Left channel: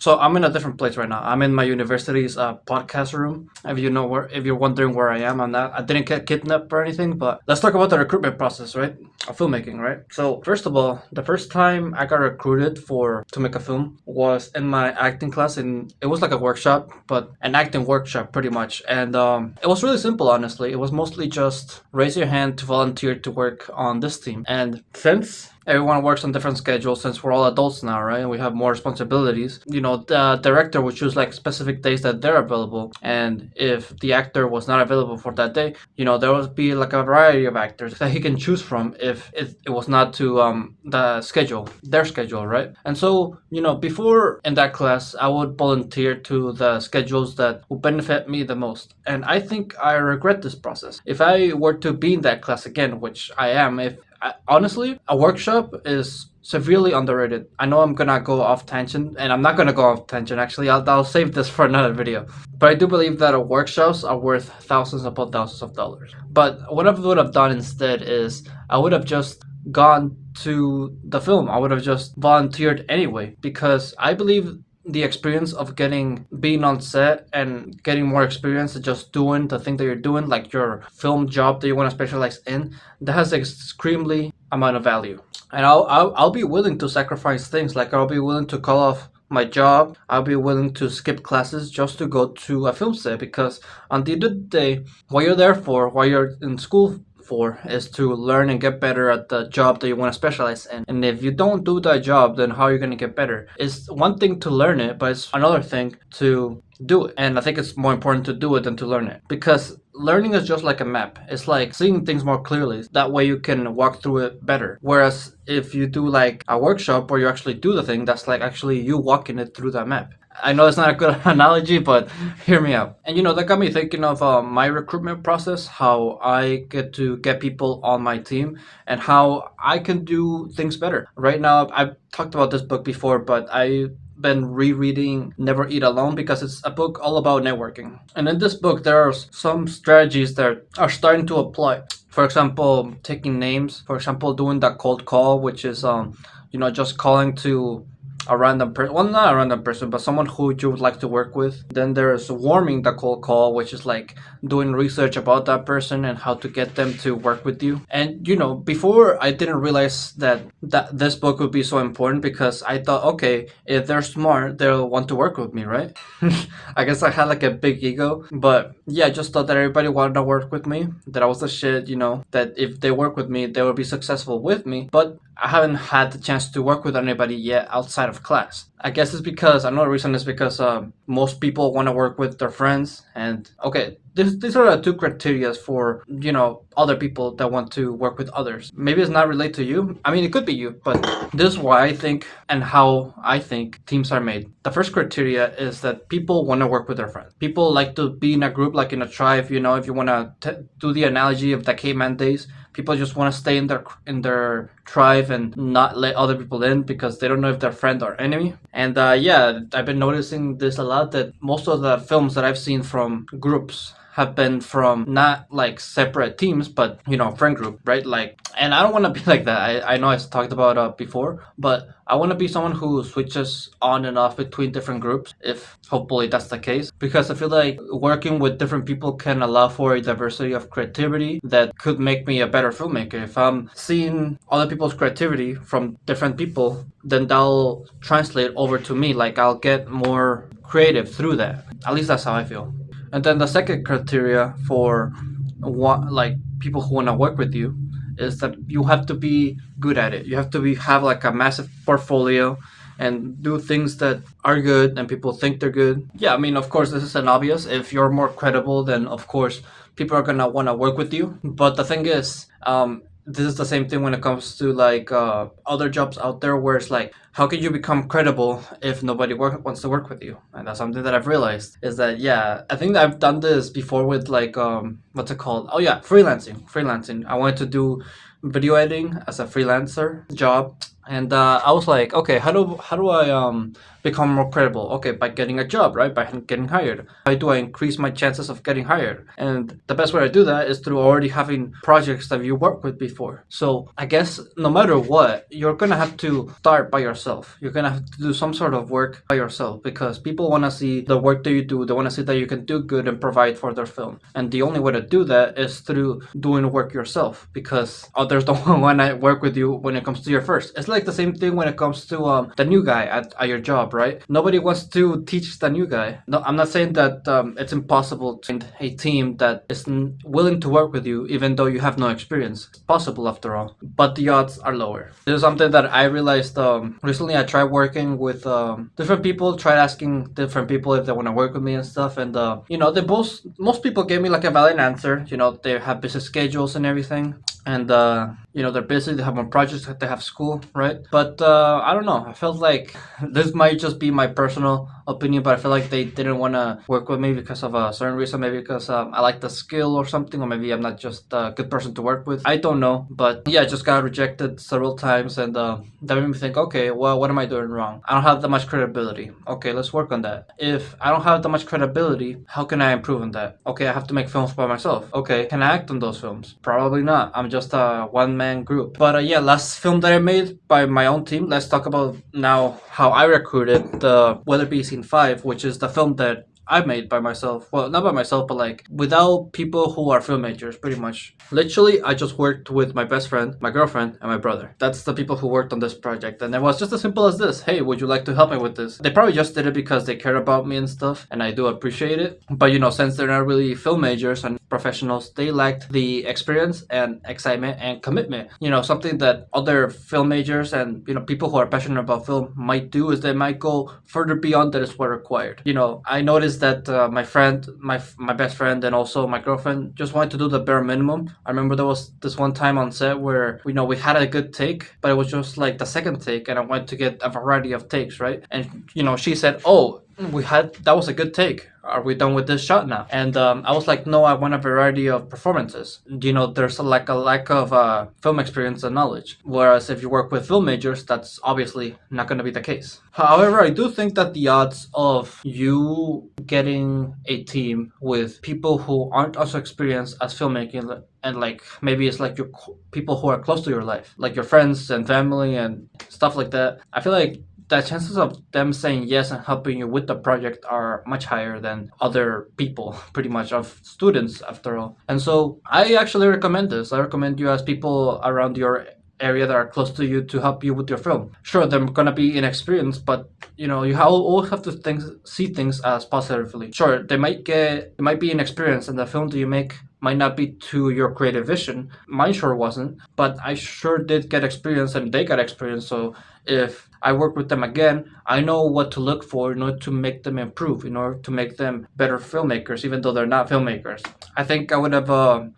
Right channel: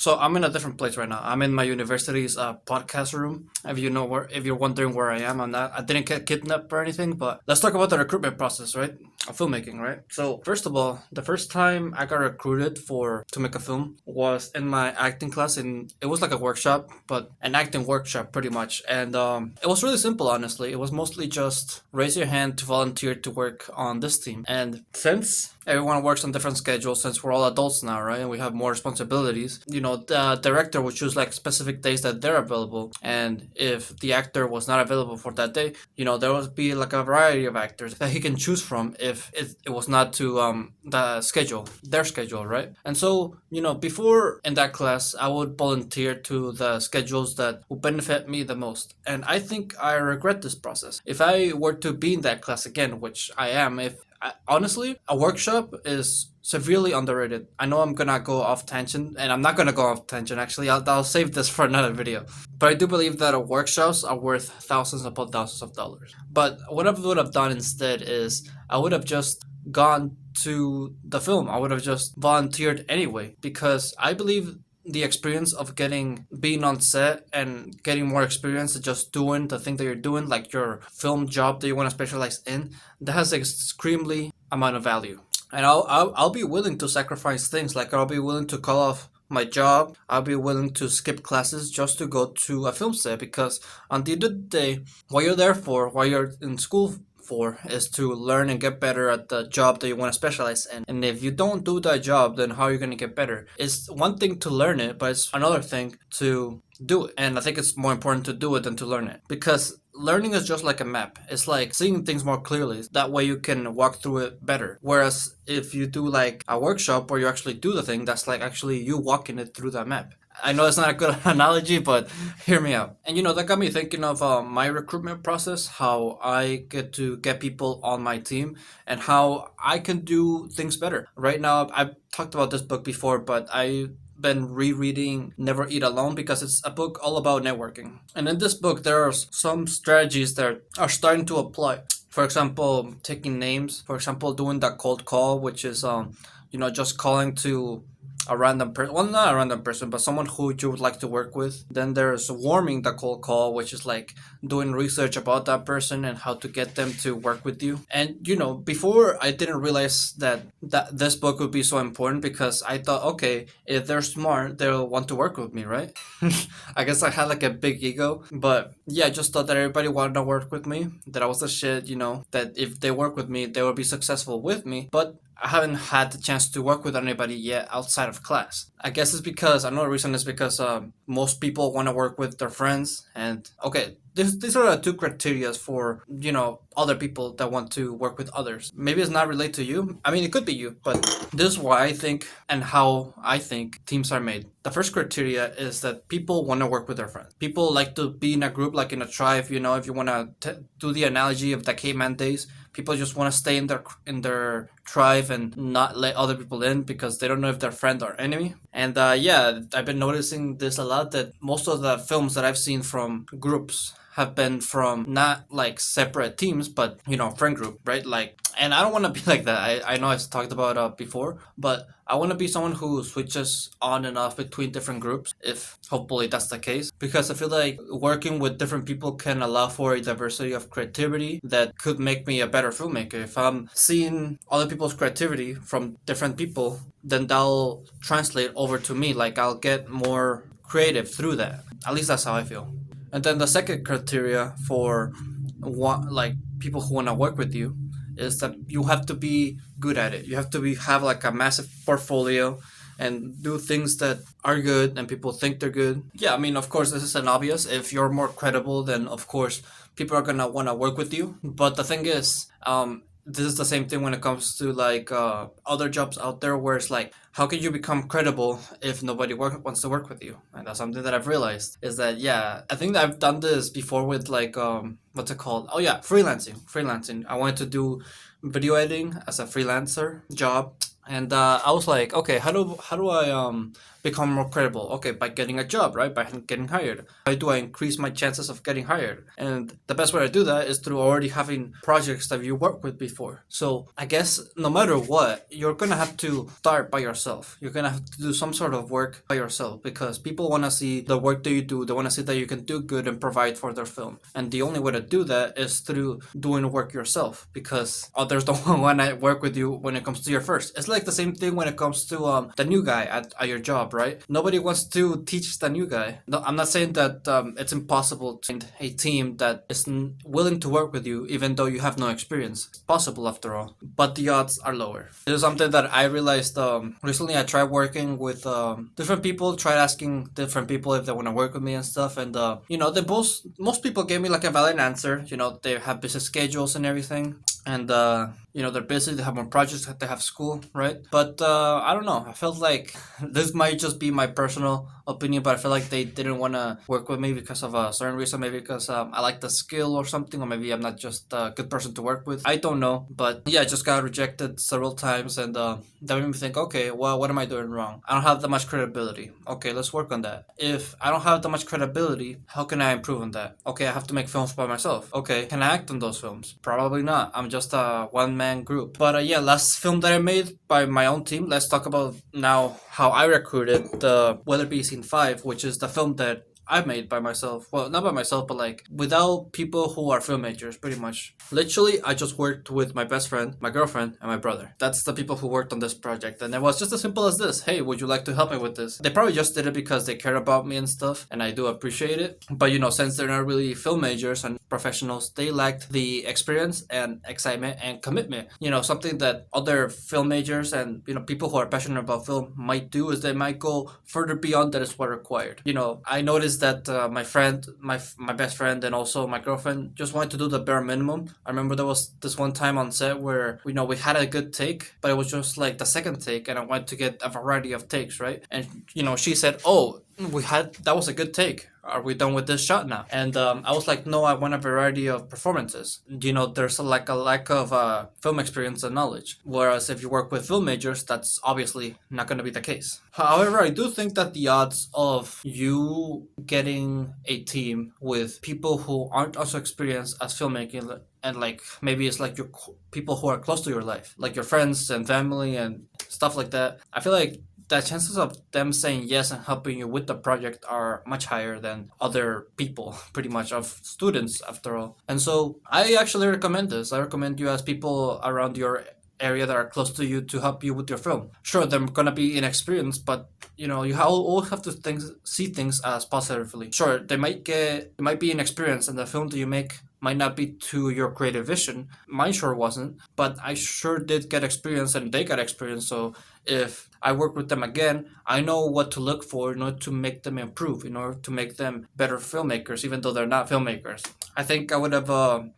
So I'm in a different place right now. I'm in my university's podcast room. If you're wondering where I am, I'm not. I didn't get kidnapped or anything. But let's talk about the recruitment process, right? Of filmmaking, right? So first of all, the first time I got recruited for to make a film was in my acting class, and it was like a workshop, but an acting workshop pretty much. And it was really simple, honestly. It was mostly just raise your hand to volunteer to work on this team. And since everyone works on different schedules, since we're all adults now, right? And we have more responsibilities. The director would choose like specific days that they're available. And if the actor was not available for that day, there would be like a variety of actors that he can choose from if it was not to their schedule, right? And so, before in that class, I would volunteer to the schedules that would benefit me the most. And I think I regret this process. If I were to be in that class again, which I am, if honestly, a workshop is severely underrated. I know I'm gonna go off tangent, and I'm not gonna go off tangent. Actually, I'll save this for another video. But I do believe that workshops are worth thousands upon thousands of dollars. But what I would have done instead is I would have just gone to the film. I would have just volunteered anyway, because I believe the experience of being on set and getting more experience just doing the thing that you're doing, like your film job that you want to specialize in, that has extremely amount of value. And I'll be willing to sacrifice things, like I'll be willing to call off my job. I'll be willing to skip classes just to go to a film set, because on the end of the day, what you're there for, what you're in school for, is to learn and get better at the job that you want to specialize in. And if you don't do that job, then how are you going to get better? It's one thing to learn it, but it's another thing to do it. And I think it's more important to do it than to learn it, because learning is just like a map. It's like seeing things more clearly. That way you can walk through it better. Whereas if you do like a workshop where you actually do the thing, that's like actually you walking it through that map. I know it's not a good analogy, but hear me out. And that got me thinking of my recruitment process, how I get to get people on my team, and how I can do things better. Right now, I've talked about this book before, but I've been rereading Never Eat Alone, because it's a book all about networking. And in this book, there are some strategies that are starting to apply. For example, taking names. For example, doing that cold call, which is just calling to a random person. Well, not a random person, but someone who you would like to work with. Then there's warming the cold call, which is like doing research about that person and how to get them to work with you. And before, I didn't realize that this book would be so important, because I thought, okay, if they're smart, they'll want to work with me, right? I guess I had like a big ego, but yeah, I just thought that everybody wanted to work with me, that I was the shit, that if they work with me, they will be successful with me. But I haven't had the chance to work with anybody yet outside of class. I guess it's because, another reason is because most people want to work with their friends. And okay, these are the two criteria for, other people that want to work with others. Maybe it's not related to you. I mean, it could be you, but this is why I think and how I think teams are made. The first criteria is that people want to work with their friends. People like to be in a group, like in a tribe. If you want to do the analogy of the caveman days, people just want to stay in their tribe and not let other people in, because they don't know if they're friend or enemy. And yeah, I've been noticing this a lot, that most of the films that I've seen from groups have been from not like separate teams, but friend group, right? Like, and I don't want to be like that. I know I talked about before, but I want to be someone who switches on and off between different groups, if hopefully that's the case, because I feel like working with different people can allow for a diversity of creativity that could make me a better filmmaker. If I'm seeing other people's creativity from different people, then that'll translate over to me. Like, I'll get more creative through that. At least that's how I feel. And then the second criteria for what, like, people who want to work with you, is that you have to be good at it. You have to have like a massive portfolio and do things that are good and people think they're good. Yeah, I mean, of course, this is an obvious. If you're more credible, then of course people are gonna want to work with you. But the thing is, this is the same thing when it comes to like other jobs out there, where it's like, how can you become credible if nobody wants to work with you? And that's something that I've realized, is that, yeah, I think that I've done this before with like what's it called? Oh yeah, freelancing. I wanted to do video editing as a freelancer job, and I was like, okay, how do I become more credible? Okay, by getting a job, right? By getting hired. How do I increase my chances of getting hired? And the best way to do that is through already having projects that you worked with before. So I guess no matter what, you're gonna have to start by yourself. You're gonna have to do some sort of work by yourself because people wanna see the work that you do. They wanna see that you can do good and provide for their film. And the only way to do that is through doing work yourself because others don't wanna work with you when it comes to your first. It's like the same thing when it comes to the new guy at your job, right? Nobody wants to teach the new guy. No, I'm not saying that it's impossible to find a team that is willing to work with you even though you have no experience. It's possible after all, but the odds are lower. This is something that I realized recently. I tried working with different people, tried asking different people if they want to work with me and stuff, and they most people gave me like a valid answer. They have busy schedules and everything, and they're busy, they have more projects, they have school, right? But I don't know, I felt like this might just be my personal opinion, but I feel like they didn't want to work with me because of a certain reason, maybe because I like the skill or something, or maybe I'm not just a good person to work with. I don't know, but yeah, I just got rejected several times, and that made me think, okay, well, what am I doing wrong? I don't have that much credibility. Okay, let's work on that. If I don't have that much credibility, how can I improve on that? Okay, I have to make films by myself. Okay, can I act on those films? Probably not. I'm just a one-man group. But yeah, last film that I made by my own team. Let's talk about now how I recruited the Weather Be Scene 5, which is the film that I made by myself. Well, not by myself, but like without people who are filmmakers, pretty much. Literally, I just worked with my best friend, my girlfriend, and my brother. That's the people who worked on this project. And it was just as simple as this. Hey, would you like to help me with this? They probably just did it because they care about me and stuff, and I do appreciate it. But since they're not really film majors and professionals, they lacked the experience and excitement and commitment. Something that other film majors and people who are passionate about film might do is they might go further beyond that is what required. I noticed that my friend, my best friend, and also my girlfriend just wanted to do the bare minimum. I remember there was this one time on set where we had a good take, but it was just like the second take, and I wanted to get a variety of takes, right? And she said, "Oh, that was a good take. Are we done with this shot now?" And I was like, no, I want a variety of performances. There's a lack of film experience and knowledge. Whereas if you work with film majors, that's obviously not going to be the case. However, I do think that the odds of you getting a team with people who aren't also experienced as filmmaking, and like maybe it's like your people who are close to your life, like your friends and family and stuff like that, I feel like the chances of them saying yes and helping you with the project are much higher than other people, pretty much, of students after all. And so I actually recommend this. I recommend you ask people around your area that are close to you to help you with your film. Sure, they're gonna be inexperienced, but you always have to see things as positively. Sure, they might be inexperienced, and the film that you make might not be to your creative vision. Mine sure wasn't, but I sure did get experience, and they got experience. So if I work with them again, I know what to look for in order to make them improve, in order to make them better filmmakers, even though they're not filmmakers. I think I would have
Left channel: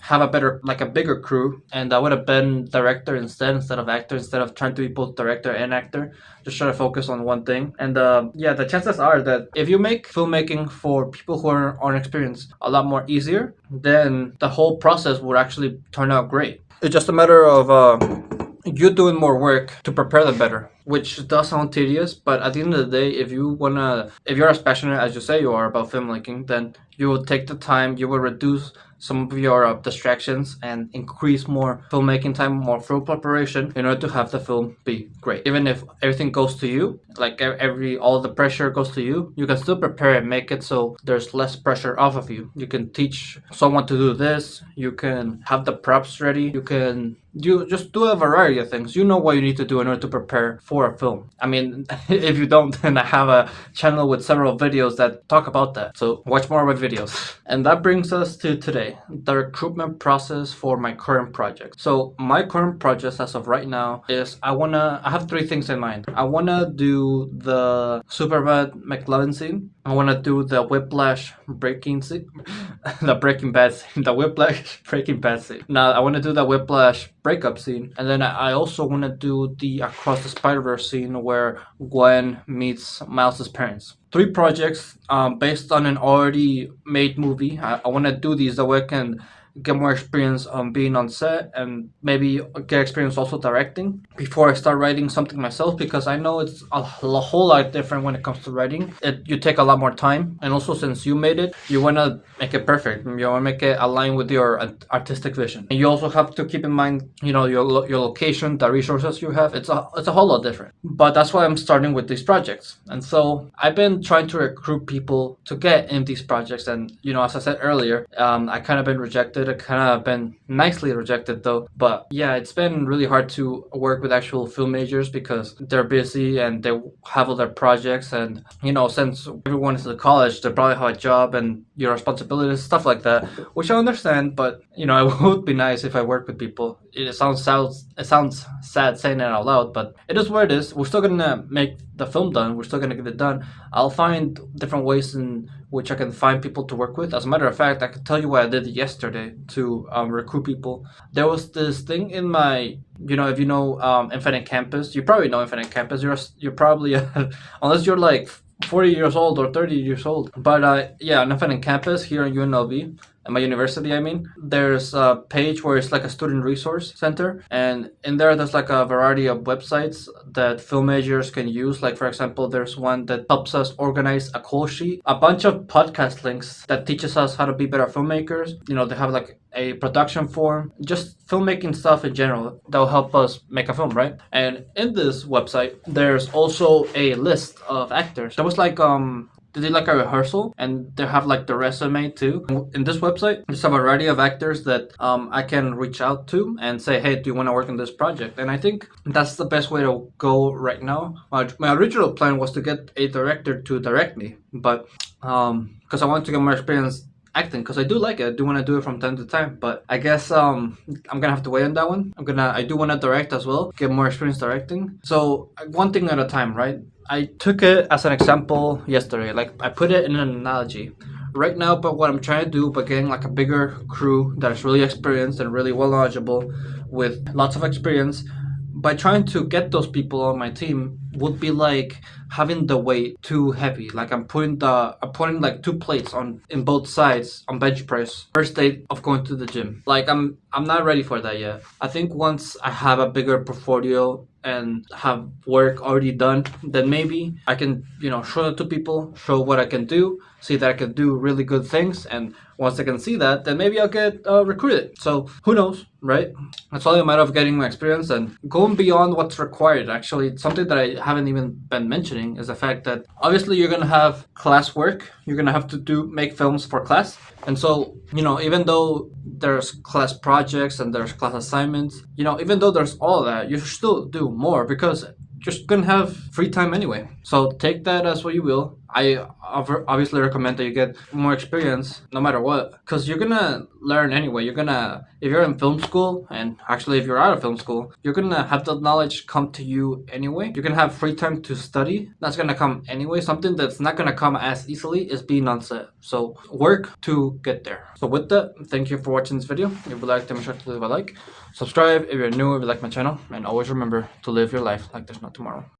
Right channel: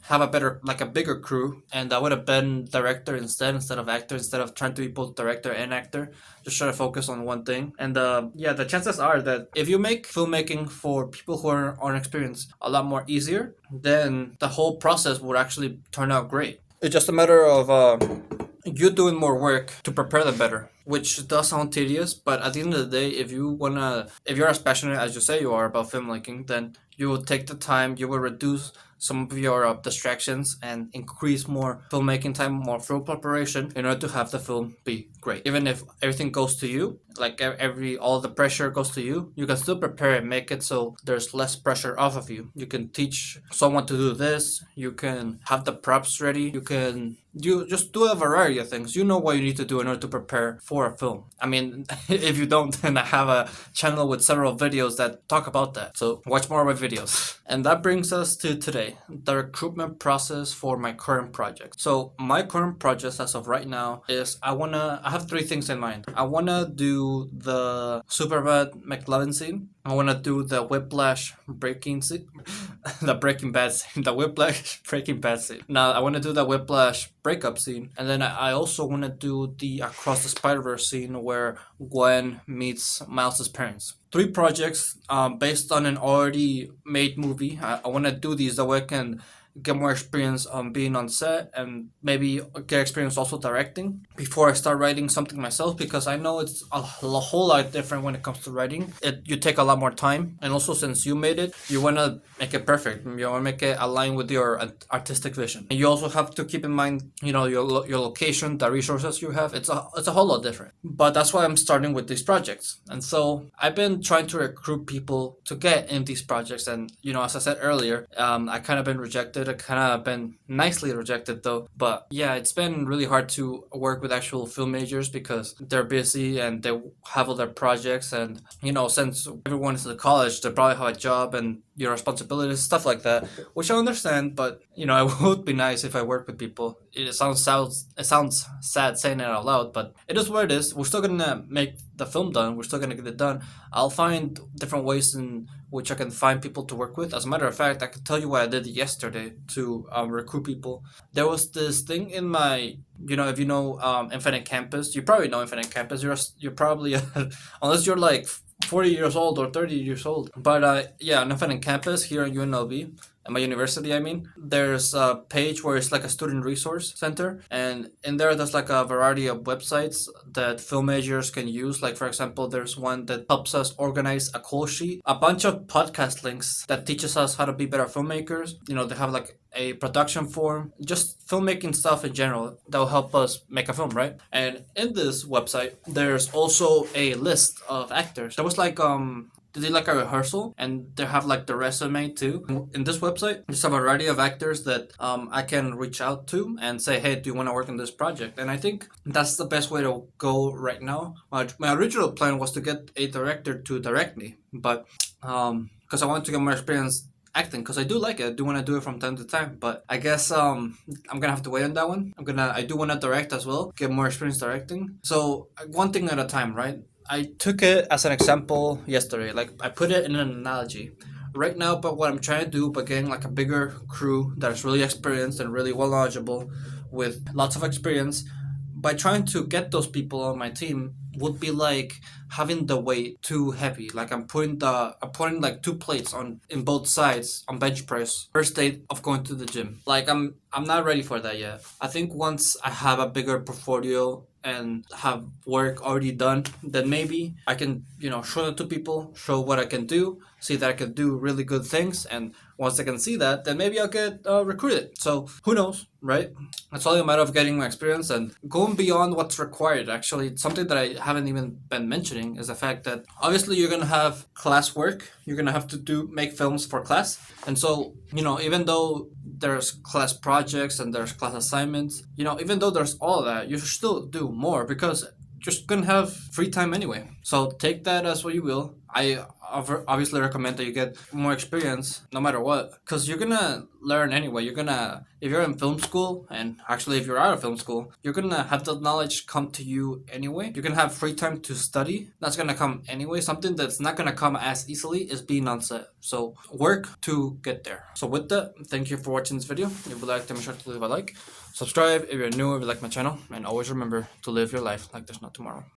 have a better, like a bigger crew, and I would have been director instead of actor, instead of trying to be both director and actor. Just try to focus on one thing. And yeah, the chances are that if you make filmmaking for people who are unexperienced a lot more easier, then the whole process would actually turn out great. It's just a matter of you doing more work to prepare them better, which does sound tedious, but at the end of the day, if you're as passionate as you say you are about filmmaking, then you will take the time, you will reduce some of your distractions and increase more filmmaking time, more film preparation in order to have the film be great. Even if everything goes to you, like all the pressure goes to you, you can still prepare and make it so there's less pressure off of you. You can teach someone to do this, you can have the props ready, you just do a variety of things. You know what you need to do in order to prepare for a film. I mean, if you don't, then I have a channel with several videos that talk about that. So watch more of my videos. And that brings us to today, the recruitment process for my current project. So my current project as of right now is I have three things in mind. I wanna do the Superman McLovin scene. I wanna do the Whiplash breaking scene. The Breaking Bad scene. The Whiplash Breaking Bad scene. Now I wanna do the Whiplash breakup scene, and then I also want to do the Across the Spider-Verse scene where Gwen meets Miles' parents. Three projects based on an already made movie. I want to do these so I can get more experience on being on set, and maybe get experience also directing before I start writing something myself, because I know it's whole lot different when it comes to writing. You take a lot more time, and also since you made it, you want to make it perfect. You want to make it align with your artistic vision. And you also have to keep in mind, your location, the resources you have. It's a whole lot different. But that's why I'm starting with these projects. And so I've been trying to recruit people to get in these projects. And as I said earlier, I kind of been rejected. I kind of been nicely rejected though. But yeah, it's been really hard to work with actual film majors because they're busy and they have other projects. And since everyone is in college, they probably have a job and your responsibilities, stuff like that, which I understand. But it would be nice if I work with people. It sounds sad saying it out loud, but it is what it is. We're still gonna make the film done. We're still gonna get it done. I'll find different ways in which I can find people to work with. As a matter of fact, I could tell you what I did yesterday to recruit people. There was this thing in my, if you know Infinite Campus, you probably know Infinite Campus. You're probably unless you're like 40 years old or 30 years old. But yeah, on Infinite Campus here in UNLV, at my university, I mean, there's a page where it's like a student resource center, and in there's like a variety of websites that film majors can use. Like, for example, there's one that helps us organize a call sheet, a bunch of podcast links that teaches us how to be better filmmakers. They have like a production form, just filmmaking stuff in general that'll help us make a film, right? And in this website, there's also a list of actors. There was like they did like a rehearsal, and they have like the resume too. In this website, there's a variety of actors that I can reach out to and say, hey, do you want to work on this project? And I think that's the best way to go right now. My original plan was to get a director to direct me, but because I wanted to get more experience acting, because I do like it. I do want to do it from time to time, but I guess I'm gonna have to wait on that one. I do want to direct as well, get more experience directing. So one thing at a time, right? I took it as an example yesterday. Like, I put it in an analogy. Right now, but what I'm trying to do by getting like a bigger crew that is really experienced and really well knowledgeable with lots of experience, by trying to get those people on my team would be like having the weight too heavy. Like, I'm putting like 2 plates on in both sides on bench press. First day of going to the gym. Like, I'm not ready for that yet. I think once I have a bigger portfolio and have work already done, then maybe I can, show it to people, show what I can do, see that I can do really good things, and once I can see that, then maybe I'll get recruited. So who knows, right? It's only a matter of getting my experience and going beyond what's required. Actually, something that I haven't even been mentioning is the fact that obviously you're gonna have class work. You're gonna have to make films for class, and so even though there's class projects and there's class assignments, even though there's all that, you should still do more because you're just gonna have free time anyway. So take that as what you will. I obviously recommend that you get more experience no matter what, because you're gonna learn anyway. If you're in film school, and actually if you're out of film school, you're gonna have the knowledge come to you anyway. You're gonna have free time to study. That's gonna come anyway. Something that's not gonna come as easily is being on set. So work to get there. So with that, thank you for watching this video. If you like, make sure to leave a like. Subscribe if you're new, if you like my channel, and always remember to live your life like there's no tomorrow.